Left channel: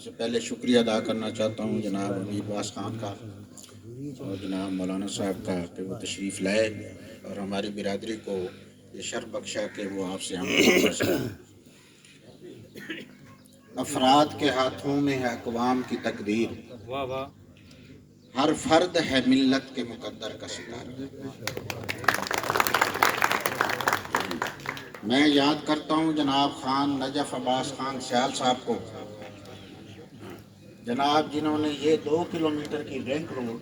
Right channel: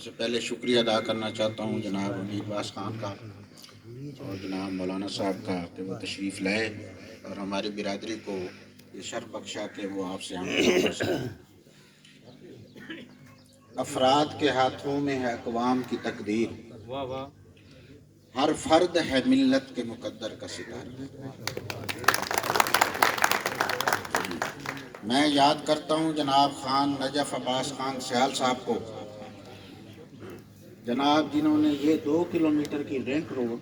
سب سے پہلے شکریہ ادا کرنا چاہتا ہوں جناب امیر باز خان کا اور جناب مولانا صاحب کا کہ وہ تشریف لائے اور ہماری برادری کو یہ شرف بخشا کہ وہ آپ سے ہم افراد کے ہاتھوں میں ہے اقوام کی تقدیر، ہر فرد ہے ملت کے مقدر کا ستارہ۔ میں یاد کرتا ہوں جناب خان نجف عباس خان سیال صاحب کو، جناب جنہوں نے یہ 2 کلومیٹر کی رنگ روڈ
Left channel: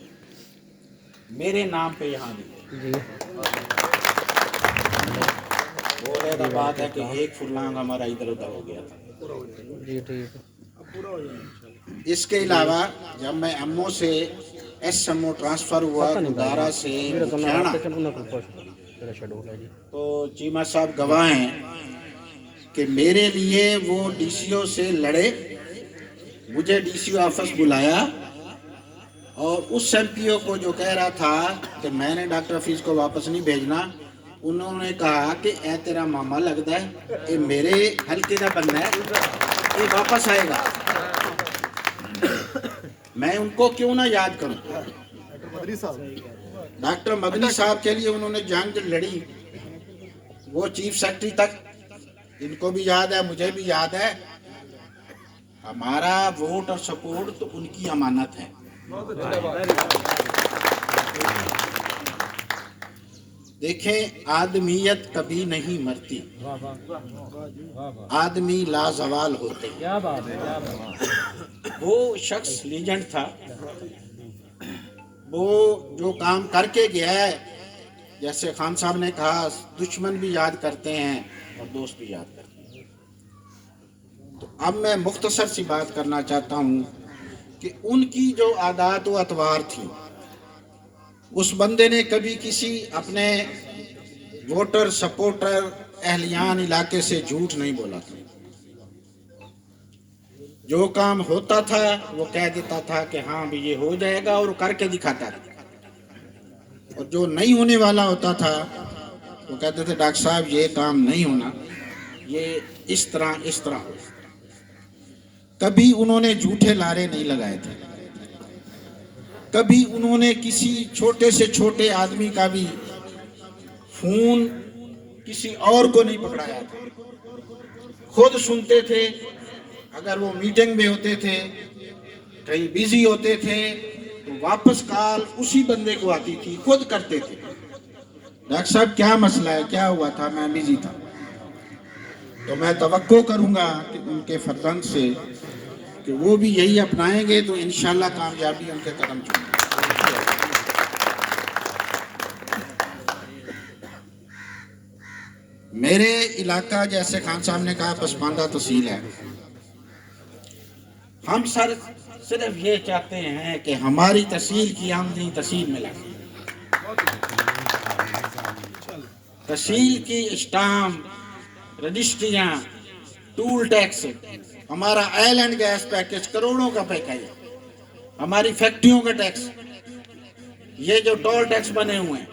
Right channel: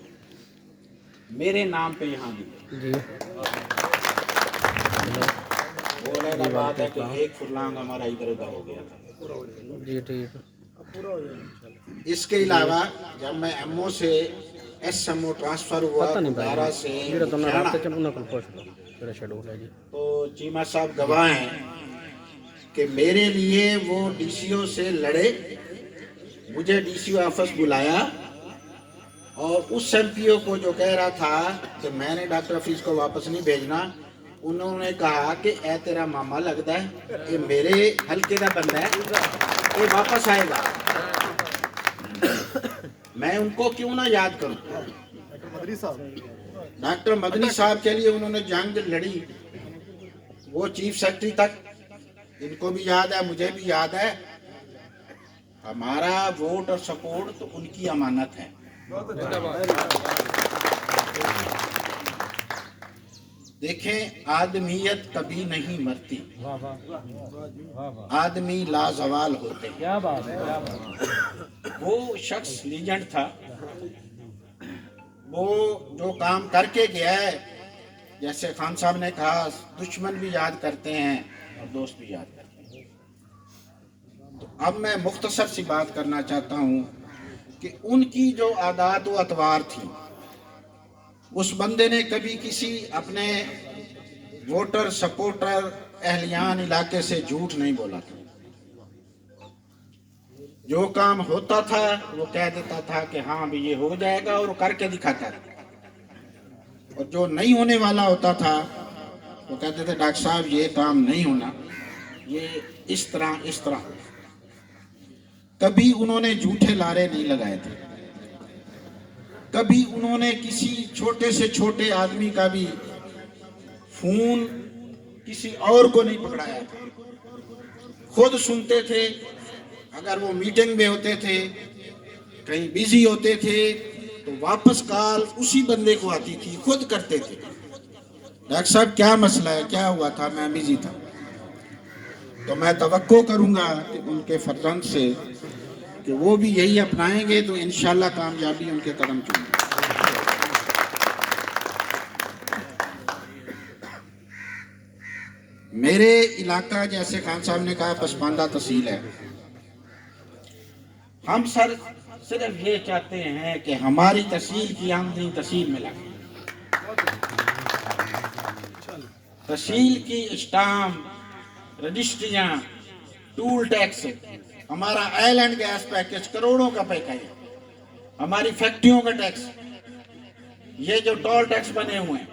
میرے نام پہ یہاں دی۔ بولے گا بات ہے کہ ایک فرلانگ ہمارا ادھر ادھر ہو گیا تھا۔ اس کے علاوہ جب میں امو سے ایس ایم او ٹرانسفر ہوا گدارا سے تو چیمہ صاحب گواہ ہیں کہ میرے لیے وہ ڈی سی او سے لڑے، مجھے ڈی سی او آفس بلایا اور اس ایم پی او کو جو کہہ رہا تھا کہ میں نے ڈاکٹر حفیظ کو واپس نہیں بھیجنا، انہوں نے کہا کہ اے تیرا ماما لگتا ہے یہ میرے حلقے کا بندہ ہے، یہ واپس آئے گا، میں ان کو کیوں نہ یاد کروں۔ ڈاکٹر مدنی صاحب کے لیے انہوں نے جنگ لڑی، وہ چیف سیکرٹری تک، ان کو بھی یاد ہے مجھے بھی یاد ہے۔ ہمارا ووٹ اور سپورٹ تو ان کی امانت ہے۔ دیکھیں آدمیت کبھی نہیں مرتی، آدمی لازوال ہوتے ہیں۔ وہ شخص لیجنڈ تھا، وہ جو کام کر کے گیا ہے، جیسے خان صاحب نے کہا دشمن بھی یاد کرتے ہیں اور دوست بھی یاد کرتے ہیں۔ تو اب میں مختصر سی بات کرنا چاہتا ہوں کہ ان کی جو عادات و اطوار تھی، اس بندے نے کبھی کسی اپنے ووٹر سپورٹر اہلیان علاقے سے جھوٹ نہیں بولا تھا۔ جو کام ہوتا تھا وہ کہہ دیتا تھا کہ ہاں بھی یہ ہو جائے گا اور کر کے دکھاتا تھا، اور جو نہیں ہونے والا ہوتا تھا وہ کہتے تھے ڈاکٹر صاحب یہ کام نہیں ہونا، یہ اس طرح ہو۔ کبھی انہوں نے جھوٹے لارے نہیں لگائے تھے، کبھی انہوں نے کسی چھوٹے سے چھوٹے آدمی کا بھی فون کسی اور کو نہیں پکڑایا تھا، خود سنتے تھے۔ اگر وہ میٹنگ میں ہوتے تھے، کہیں بیزی ہوتے تھے تو واپس کال اسی بندے کو آتی تھی، خود کرتے تھے، ڈاکٹر صاحب کیا مسئلہ ہے، کیا ہوا تھا، میں بیزی تھا۔ تو میں توقع کروں گا کہ ان کے فرزند سے کہ وہ بھی یہی اپنائیں گے تو انشاءاللہ کامیابی ان کے قدم چومیں گے۔ میرے علاقہ جیسے خان صاحب نے کہا پسماندہ تحصیل ہے، ہم صرف یہ چاہتے ہیں کہ ہماری تحصیل کی آمدنی تحصیل میں لگے، تحصیل کی اسٹامپ، رجسٹریاں، ٹول ٹیکس، ہمارا آئل اینڈ گیس پیکج کروڑوں کا پیکج ہے، ہماری فیکٹریوں کا ٹیکس، یہ جو ٹول ٹیکس بنے ہوئے ہیں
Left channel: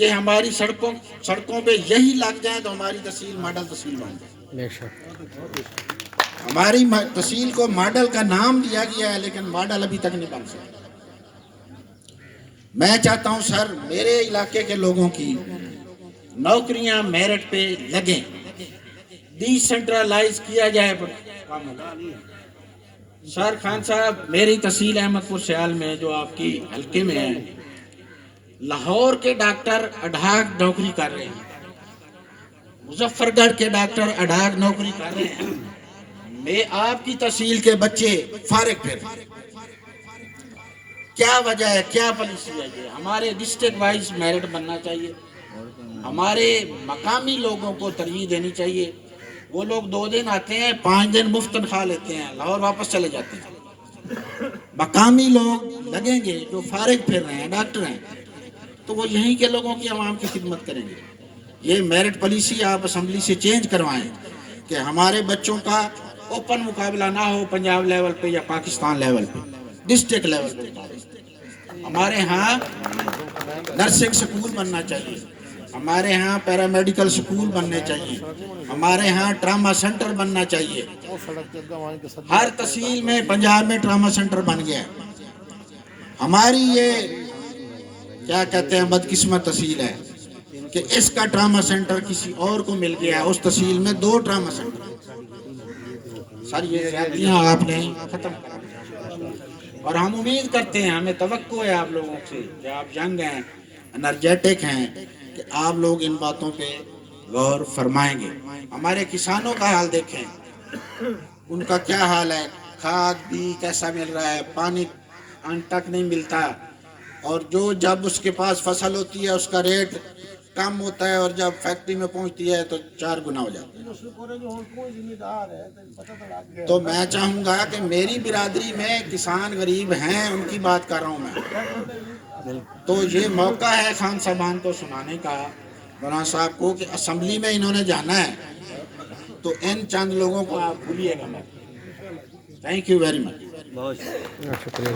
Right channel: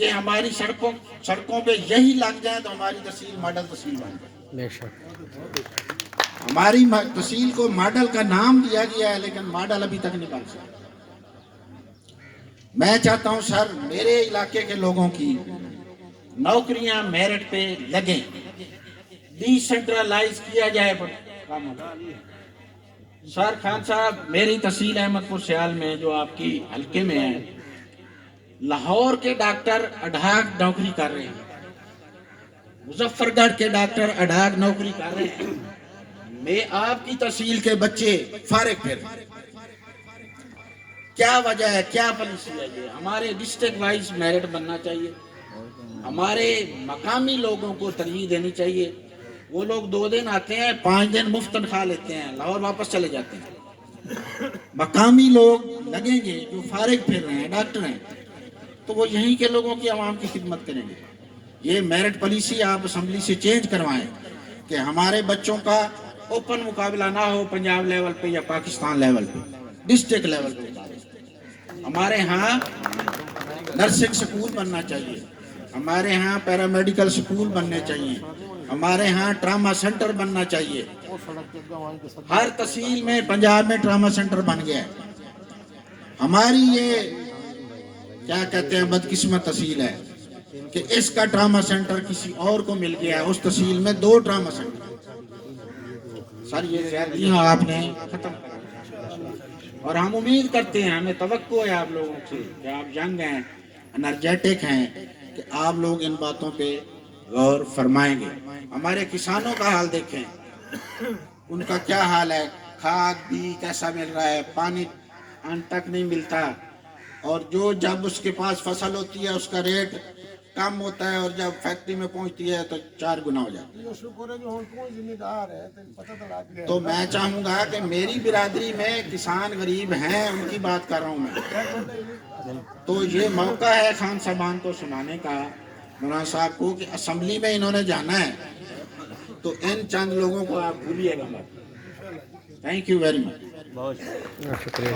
یہ ہماری سڑکوں پہ یہی لگ جائیں تو ہماری تحصیل ماڈل تحصیل بن جائے۔ بے شک ہماری تحصیل کو ماڈل کا نام دیا گیا ہے لیکن ماڈل ابھی تک نہیں بن سکا۔ میں چاہتا ہوں سر میرے علاقے کے لوگوں کی نوکریاں میرٹ پہ لگیں، ڈی سینٹرلائز کیا جائے کاموں کو۔ سر خان صاحب میری تحصیل احمد پور سیال میں جو آپ کی حلقے میں ہے، لاہور کے ڈاکٹر اڈھاک نوکری کر رہے ہیں، مظفر گڑھ کے ڈاکٹر اڈھاک نوکری کر رہے ہیں، میں آپ کی تحصیل کے بچے فارغ پھر رہے ہیں۔ کیا وجہ ہے، کیا پالیسی ہے؟ یہ ہمارے ڈسٹرکٹ وائز میرٹ بننا چاہیے، ہمارے مقامی لوگوں کو ترجیح دینی چاہیے۔ وہ لوگ 2 دن آتے ہیں، 5 دن مفت تنخواہ لیتے ہیں، لاہور واپس چلے جاتے ہیں۔ مقامی لوگ لگیں گے جو فارغ پھر رہے ہیں، ڈاکٹر ہیں، تو وہ یہیں کے لوگوں کی عوام کی خدمت کریں گے۔ یہ میرٹ پالیسی آپ اسمبلی سے چینج کروائیں کہ ہمارے بچوں کا اوپن مقابلہ نہ ہو پنجاب لیول پہ یا پاکستان لیول پہ، ڈسٹرکٹ لیول پہ۔ ہمارے ہاں نرسنگ سکول بننا چاہیے، ہمارے ہاں پیرامیڈیکل سکول بننے چاہیے، ہمارے ہاں ٹراما سینٹر بننا چاہیے. ہر تحصیل میں پنجاب میں ٹراما سینٹر بن گیا ہے. ہماری یہ کیا کہتے ہیں بدقسمت تحصیل ہے کہ اس کا ٹراما سینٹر کسی اور کو مل گیا. اس تحصیل میں 2 ٹراما سینٹر. سر یہ زیادتیاں آپ نے ختم کرا اور ہم امید کرتے ہیں, ہمیں توقع ہے آپ لوگوں سے کہ آپ ینگ ہیں, انرجیٹک ہیں, کہ آپ لوگ ان باتوں پہ غور فرمائیں گے. ہمارے کسانوں کا حال دیکھیں, ان کا کیا حال ہے. کھاد بھی کیسا مل رہا ہے, پانی ان تک نہیں ملتا, اور جو جب اس کے پاس فصل ہوتی ہے اس کا ریٹ کم ہوتا ہے, اور جب فیکٹری میں پہنچتی ہے تو 4 گنا ہو جاتا ہے. تو میں چاہوں گا کہ میری برادری میں کسان غریب ہیں, ان کی بات کر رہا ہوں میں. تو یہ موقع ہے خان صاحبان کو سنانے کا, مولانا صاحب کو, کہ اسمبلی میں انہوں نے جانا ہے تو ان چند لوگوں کو آپ بھولیے گا. Thank you very much. بہت شکریہ.